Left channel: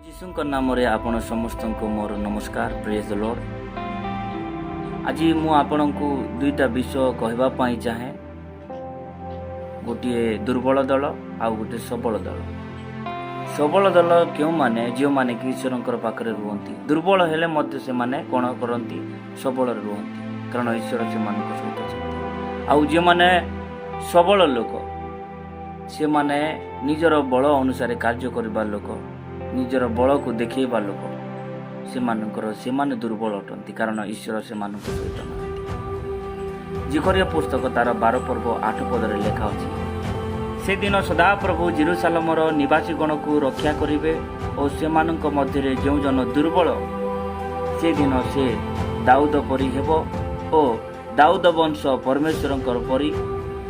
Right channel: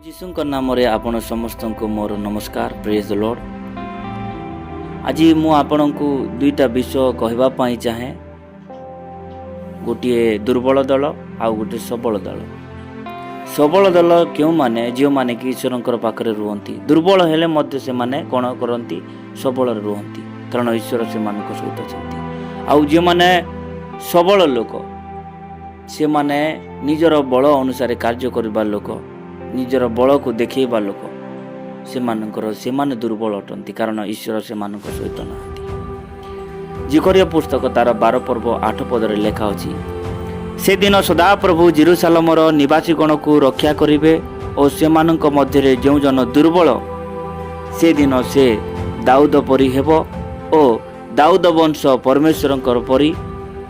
ଯୀଶୁଙ୍କ ନାମରେ ଆପଣ ସମସ୍ତଙ୍କୁ ମୋର ନମସ୍କାର। ପ୍ରେଜ୍ ଦ ଲର୍ଡ। ଆଜି ମୁଁ ଆପଣଙ୍କୁ ଦୁଇଟା ବିଷୟ କହିବା ପାଇଁ ଚାହେଁ। ଗୋଟିଏ ଦୁର୍ବଳ ଦଳ ଆଉ ଗୋଟିଏ ସବଳ ଦଳ। ସବଳ ଦଳ କେଉଁମାନେ? ଯେଉଁମାନେ କି ଈଶ୍ୱରଙ୍କର ପାଖରେ ରୁହନ୍ତି। ଦୁର୍ବଳ ହେଲେ ମଧ୍ୟ ସେମାନେ କ'ଣ କରନ୍ତି? ସବଳରେ ରୁହନ୍ତି, କାରଣ ଈଶ୍ୱର ସେମାନଙ୍କ ସହିତ ଅଛନ୍ତି। ଆଉ ଯେଉଁମାନେ ସବଳ ଲୋକ, ସେମାନେ ନିଜର ବଳ ଅନୁସାରେ କାର୍ଯ୍ୟ କରିବା ଲୋକ, ନିଜର ବଳକୁ ଦେଖାଇବା ଲୋକ, ସେମାନେ ଦୁର୍ବଳ ଅଟନ୍ତି, କାରଣ ଈଶ୍ୱର ସେମାନଙ୍କ ସହିତ ନାହାନ୍ତି। ଜିକରିୟା ପୁସ୍ତକ ତାର 12 ପର୍ବ 8 ପଦରେ ଲେଖା ଅଛି, ସେଦିନ ସଦାପ୍ରଭୁ ଜେରୁସାଲେମର ନିବାସୀଗଣକୁ ରକ୍ଷା କରିବେ ଓ ସେମାନଙ୍କ ମଧ୍ୟରେ ଯେଉଁ ଜନ ଦୁର୍ବଳ, ସେଦିନ ସେ ଦାଉଦ ପରି ହେବ ଓ ଦାଉଦ ବଂଶ ପରମେଶ୍ୱରଙ୍କର ପରି,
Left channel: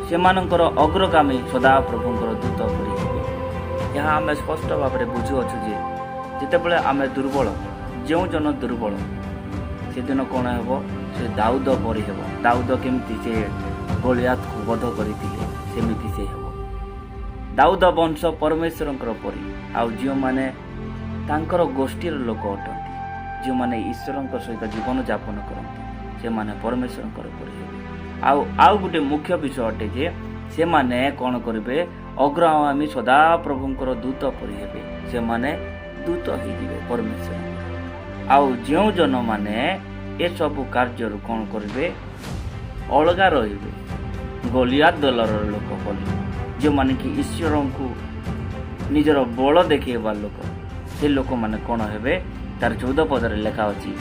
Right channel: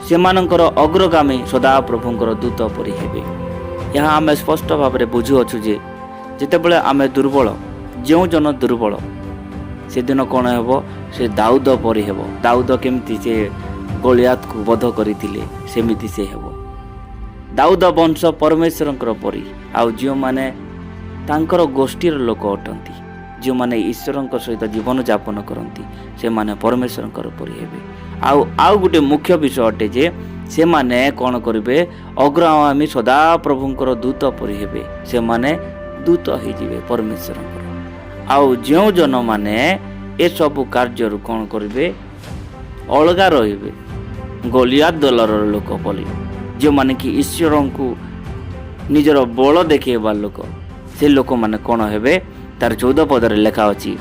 ସେମାନଙ୍କର ଅଗ୍ରଗାମୀ ସଦାପ୍ରଭୁଙ୍କର ଦୂତ ପରି ହେବେ। ଏହା ଆମେ ସ୍ପଷ୍ଟ ଭାବରେ ବୁଝୁଅଛୁ ଯେ ଯେତେବେଳେ ଆମେ ଦୁର୍ବଳ, ଯେଉଁ ଜନ ଦୁର୍ବଳ, ସେଦିନ କ'ଣ ହେବ? ସେ ଦାଉଦ ପରି ହେବ। ଦାଉଦ କେମିତି ସେ ଗୋଲିଆତକୁ ବଧ କରିଥିଲେ, ସେମିତି ସେ ହେବ। ଦାଉଦ ବଂଶ ପରମେଶ୍ୱରଙ୍କର ପରି। ଆଉ ଯେଉଁମାନେ ତାଙ୍କର ଗୋଷ୍ଠୀର ଲୋକ ଅଟନ୍ତି, ଯେଉଁମାନେ ଈଶ୍ୱରଙ୍କ ସହିତ ଜୀବନଯାପନ କରନ୍ତି, ସେମାନେ ପରମେଶ୍ୱରଙ୍କର ପରି ହେବେ। ଆଉ ଗୋଟେ ମୁଖ୍ୟ ବିଷୟ ଅଟେ ଯେ ସେମାନେ କ'ଣ କରିବେ? ଅଗ୍ରଗାମୀ ସଦାପ୍ରଭୁଙ୍କର ଦୂତ ପରି ହେବେ। ସେମାନେ ଦୂତ ହେଇଯିବେ ପରମେଶ୍ୱରଙ୍କର। ଆଉ ଯେଉଁ ଜନମାନେ ଏସବୁ କାର୍ଯ୍ୟରୁ କ'ଣ କରିବେ? ଅଲଗା ରହିବେ, ଗୋଲିଆତ ଦଳର ଲୋକ ବୋଲି, ଯେଉଁମାନେ କି ଈଶ୍ୱରଙ୍କୁ ନିଜର ବଳ ଦେଖାଇବା ଲୋକ, ସେ ଲୋକମାନେ କ'ଣ ହେବେ? ତାର 14 ପଦରେ ଲେଖା ଅଛି,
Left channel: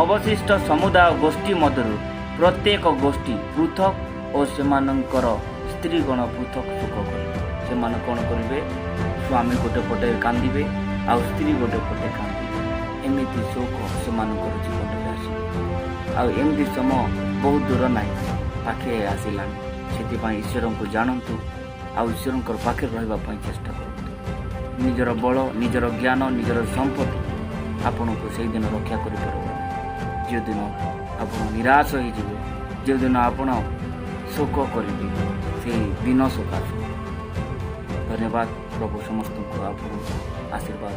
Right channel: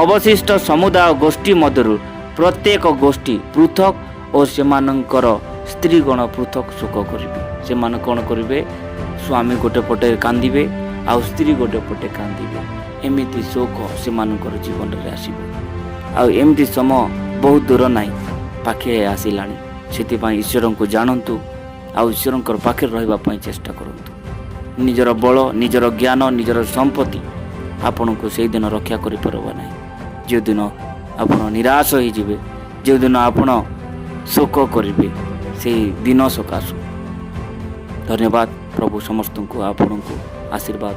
ଅବଶିଷ୍ଟ ସମୁଦାୟ ଗୋଷ୍ଠୀ ମଧ୍ୟରୁ ପ୍ରତ୍ୟେକ ଗୋଷ୍ଠୀ ପୃଥକ ଓ ସେମାନଙ୍କର ସ୍ତ୍ରୀଗଣ ପୃଥକ ଶୋକ କରିବେ। ସେମାନେ କ'ଣ କରିବେ? ସ୍ୱାମୀ ଗୋଟେ ପଟେ କାନ୍ଦିବେ ଆଉ ସ୍ତ୍ରୀ ଗୋଟେ ପଟେ କାନ୍ଦିବେ। ଏମିତି ଶୋକ ସେମାନଙ୍କର ଜୀବନରେ ଆସିବ। ଆଉ ଏମିତି ସମୟ ବହୁତ ଦୂର ନାହିଁ, ପାଖେ ଆସିଲାଣି। ସେଥିପାଇଁ ଈଶ୍ୱରଙ୍କୁ ଜାଣନ୍ତୁ ଆଉ ଈଶ୍ୱରଙ୍କର ପାଖରେ ରହିବା ପାଇଁ ଚେଷ୍ଟା କରନ୍ତୁ। ନିଜର ବଳ, ନିଜର ଜ୍ଞାନ, ନିଜର ସମ୍ପତ୍ତି ଆପଣଙ୍କୁ ସେଇଦିନ ରକ୍ଷା କରିପାରିବ ନାହିଁ। ଯେଉଁଦିନ ଆପଣ ନିରାଶ ହୋଇଯିବେ, ଯେଉଁଦିନ ଆପଣ ଶୋକ କରିବେ, ସେଇ ଦିନ ସକାଶୁ। ଧନ୍ୟବାଦ। ପ୍ରଭୁ ସମସ୍ତଙ୍କୁ ଆପଣଙ୍କୁ ଆଶୀର୍ବାଦ